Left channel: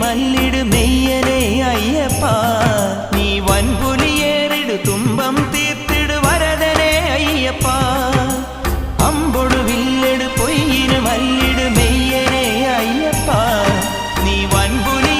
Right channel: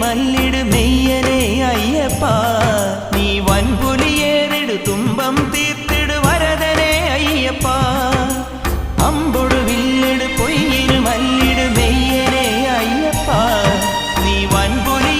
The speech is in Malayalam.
മല്ലിട് മെയ്യനെ അയ്യപ്പ നീ വൻപുലിയേറിടു തുമ്പം തീർത്തിടു വരദനെ അയ്യപ്പ അമ്പൊടു വില്ലട് പൊയ്യിന് മല്ലിട് മെയ്യനെ അയ്യപ്പ നീ വൻപുലി